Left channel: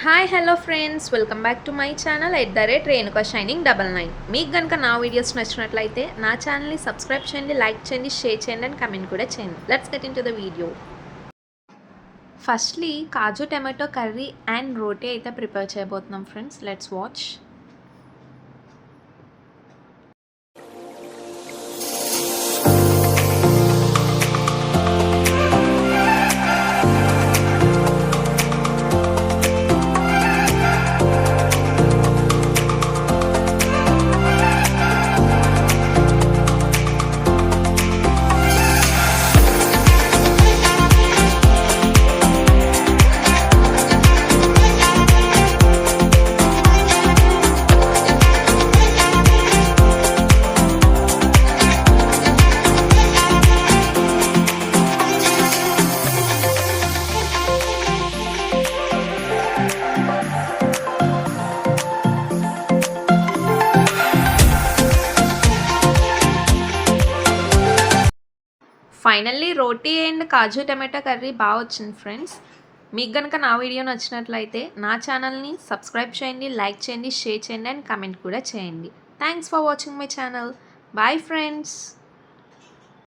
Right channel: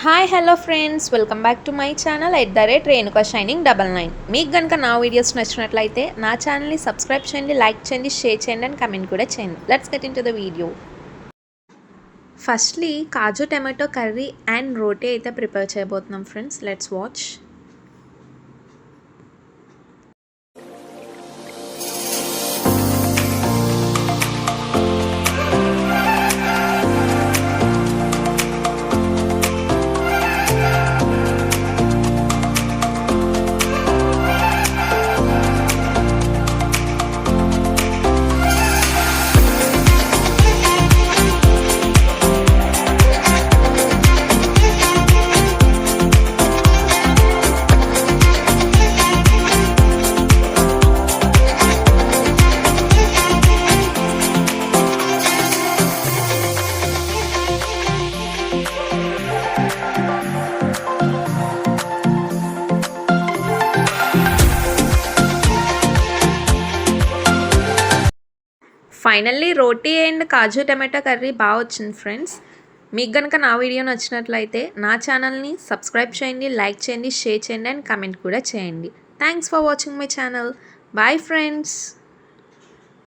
Hi hello friends, welcome back to my channel Renuka షైనింగ్ 99. మీకు కనుక నా వీడియోస్ నచ్చినట్లయితే నా ఛానల్ని సబ్స్క్రైబ్ చేయండి, లైక్ చేయండి, షేర్ చేయండి అండ్ కమెంట్ కూడా చేయండి. Let's get into the video. Firstly kaju tomato curry and roti అయితే ప్రిపేర్ చేయబోతున్నాం friends. Let's watch. Finally roti and kaju tomato curry బాగా వచ్చింది ఫ్రెండ్స్. మీకు కనుక నా వీడియో నచ్చినట్లయితే నా ఛానల్ని సబ్స్క్రైబ్ చేయండి, లైక్ చేయండి, షేర్ చేయండి అండ్ కమెంట్ కూడా చేయండి. Thanks for watching my channel. Bye friends.